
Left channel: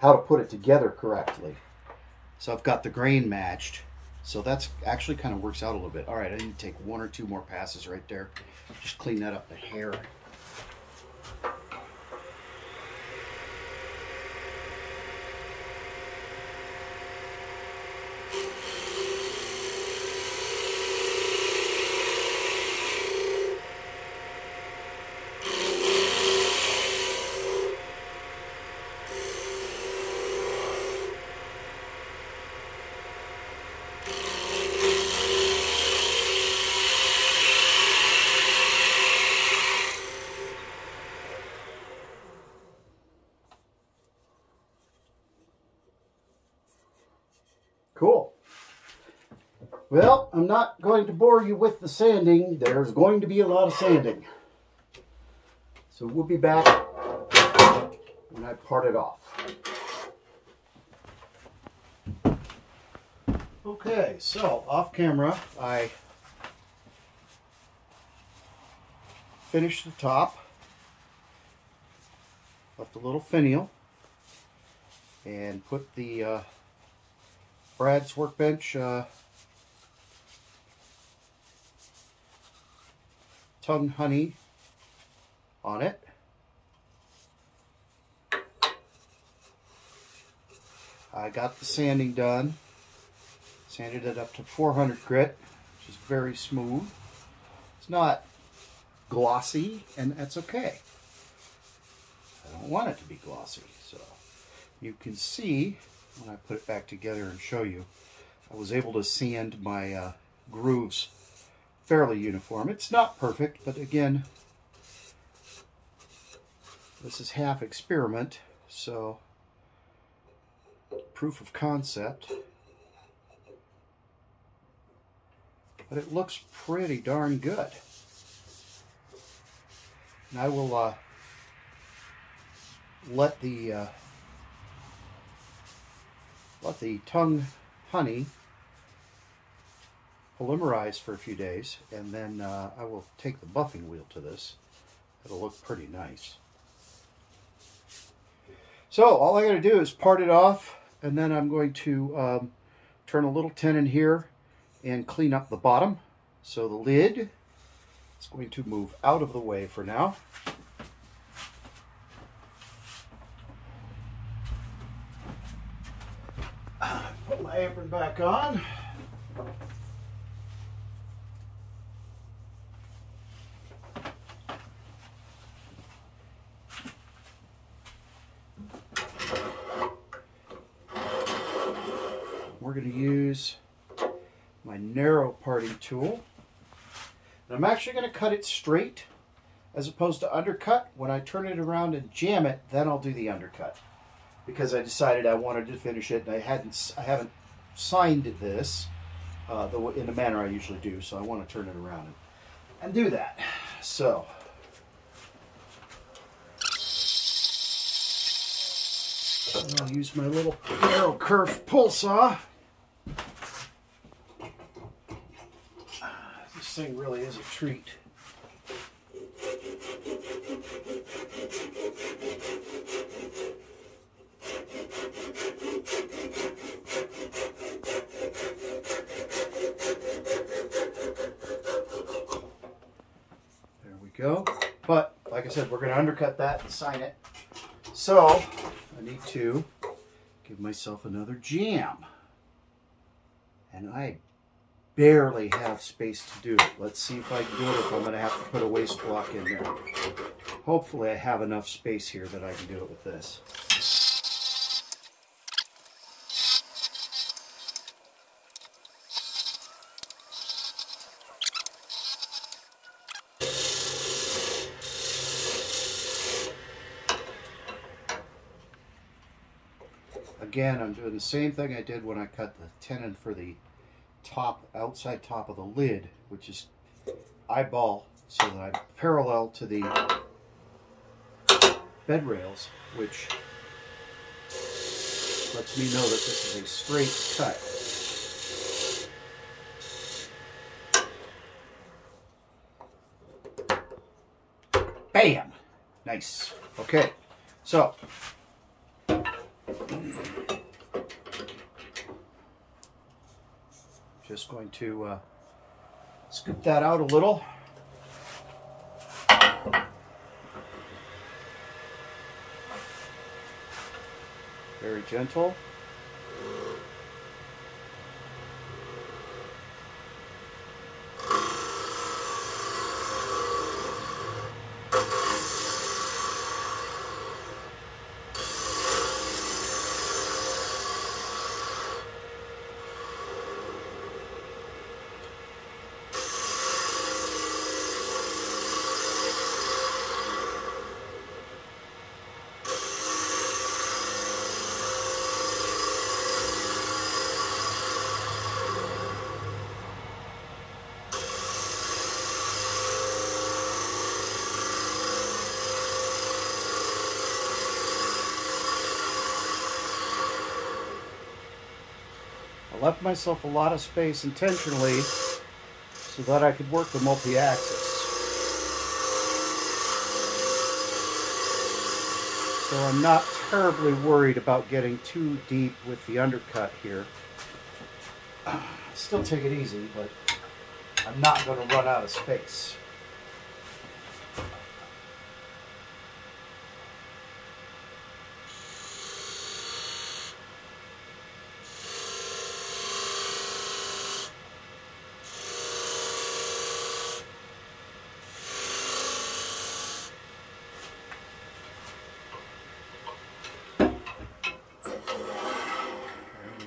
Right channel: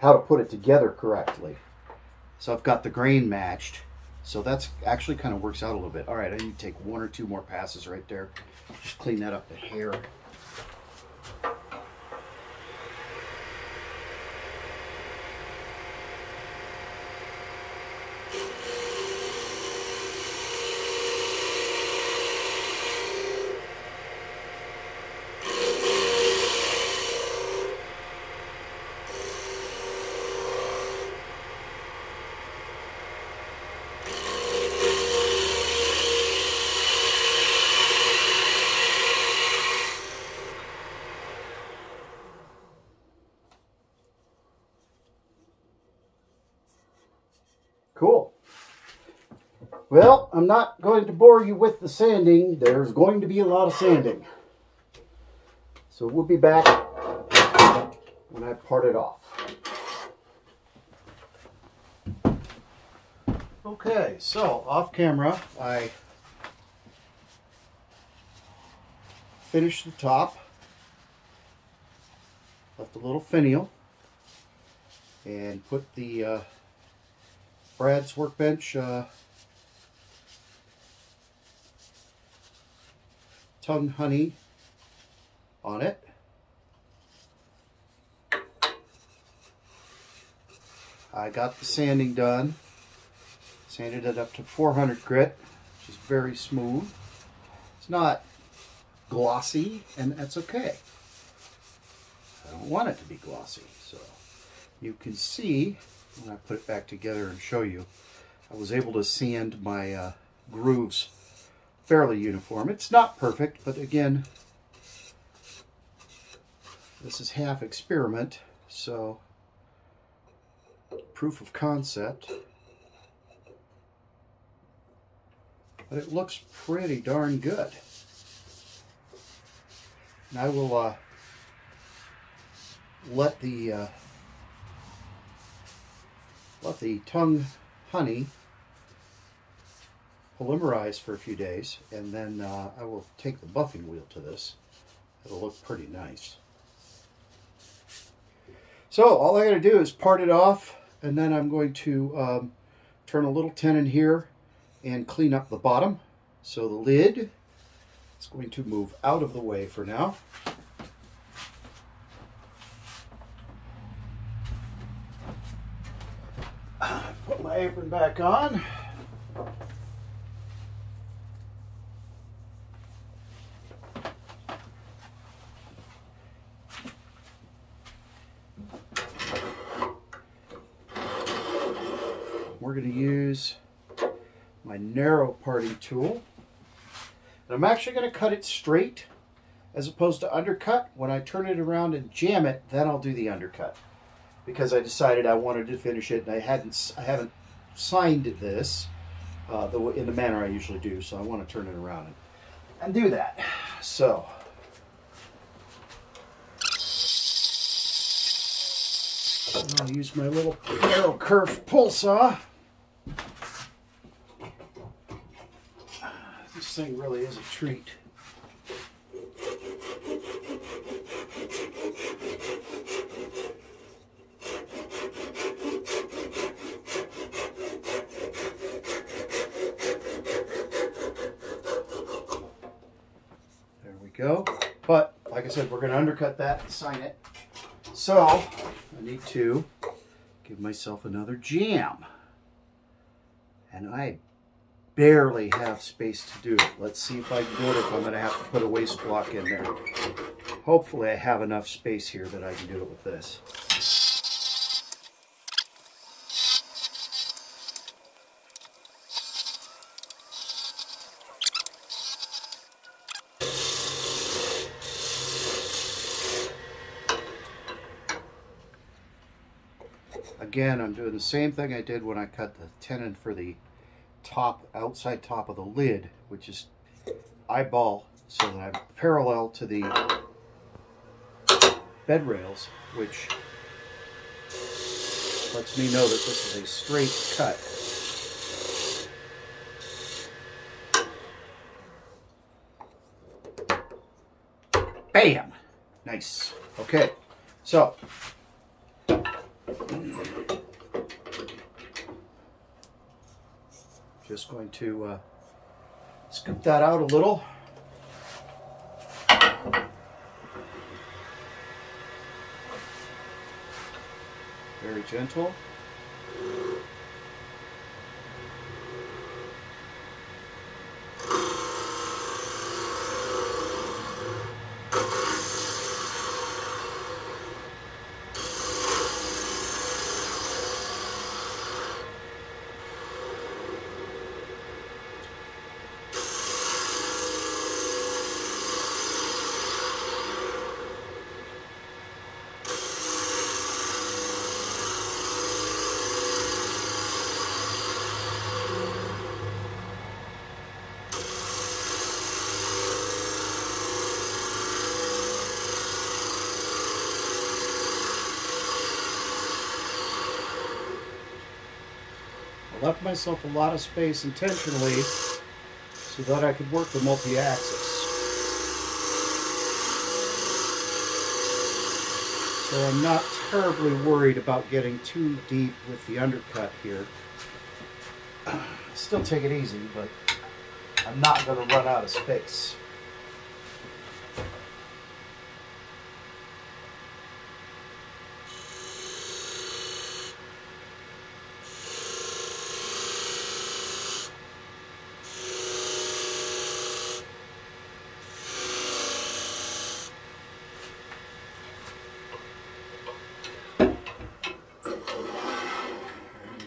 to put it together correctly. So I've got the grain matched. So that's actually kind of works out a little bit. All right, I need to take 1 or 2 more passes right there. Just clean that up a hair. Cool. Well, I'm not going to bore you with the sanding. There's going to be a lot of sanding. So we'll be back when I part it off. Okay, so off camera, I finished the top, left a little finial, and put the Brad's Workbench tongue honey on it. I got the sanding done. Sanded it up to 400 grit, which is very smooth. It's not glossy, and that's okay. I don't want it to be glossy. So you can see, when I put it back together and show you, I was able to sand my grooves fairly uniform. It's not perfect, but again, this is half experiment, so proof of concept. But it looks pretty darn good. And I will let the tongue honey polymerize for a few days, and then I will take the buffing wheel to this. It'll look pretty nice. So all I got to do is part it off, and then I'm going to turn a little tenon here and clean up the bottom. So the lid is going to move out of the way for now. Put my apron back on. We're going to use my narrow parting tool. And I'm actually going to cut it straight as opposed to undercut. When I turn it around and jam it, then I'll do the undercut, because I decided I wanted to finish it, and I haven't signed this in the manner I usually do, so I want to turn it around and do that. So I'll use my little narrow curve pull saw. This thing really is a treat. There we go. But like I said, we're going to undercut that and sign it. So I need to give myself another jam. And I barely have space to do it. Let's see if I can do it, or if I'm going to have to put a waste block in there. Hopefully I have enough space here that I can do it with this. Again, I'm doing the same thing I did when I cut the tenon for the outside top of the lid, which is eyeball, so that I'm parallel to the bed rails, which lets me know that this is a straight cut. Bam! Nice. Okay, so just going to scoop that out a little. Very gentle. I left myself a lot of space intentionally so that I could work the multi-axis. So I'm not terribly worried about getting too deep with the undercut here. Still take it easy, but I'm not going to run out of space.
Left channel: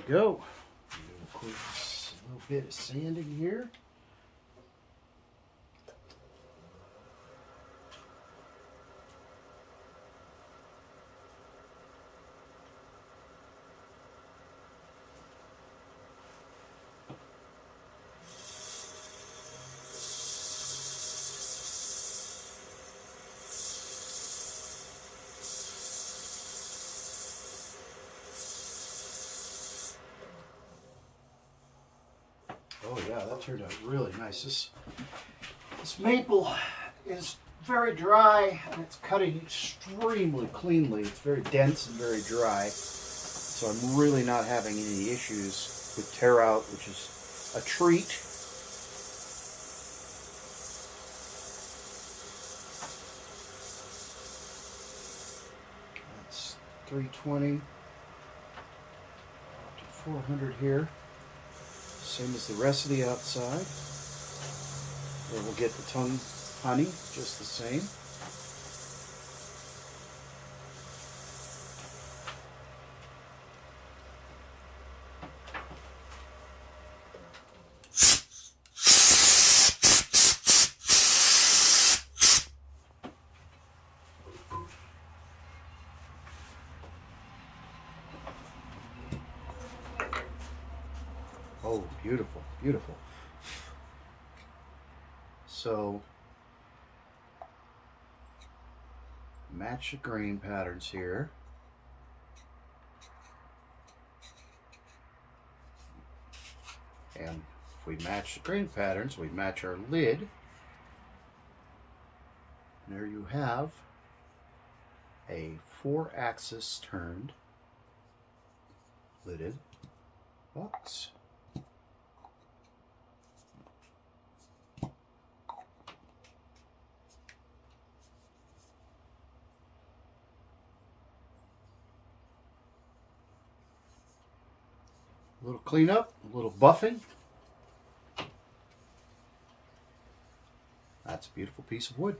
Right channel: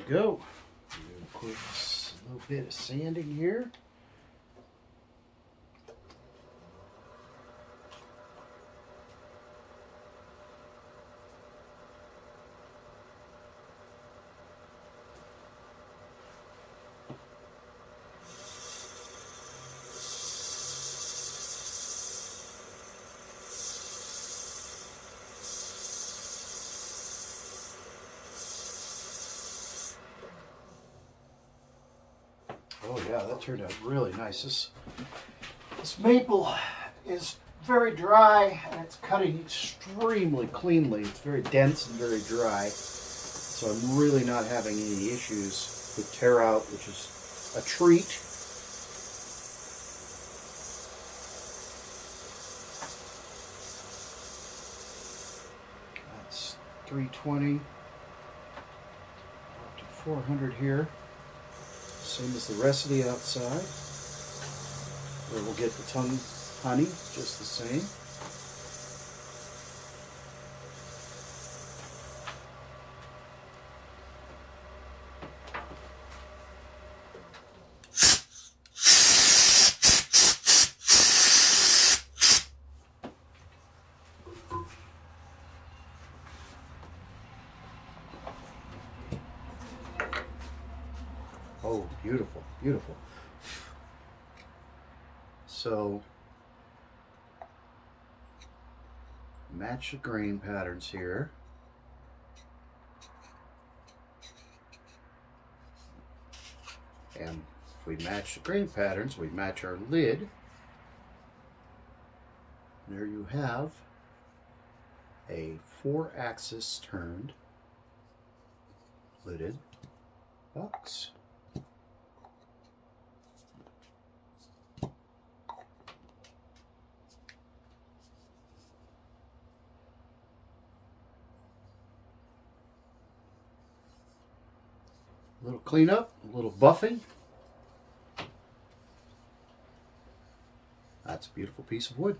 Go. Quick, a little bit of sanding here. Oh yeah, that turned out really nice. This maple is very dry and it's cutting extremely cleanly. It's very dense and very dry. So I'm really not having any issues with tear out, which is a treat. That's 320 to 400 here. Same as the rest of the outside, where we'll get the tongue honey just the same. Oh, beautiful, beautiful. So, match the grain patterns here. And if we match the grain patterns, we match our lid. There you have a 4-axis turned lidded box. A little cleanup, a little buffing. That's a beautiful piece of wood.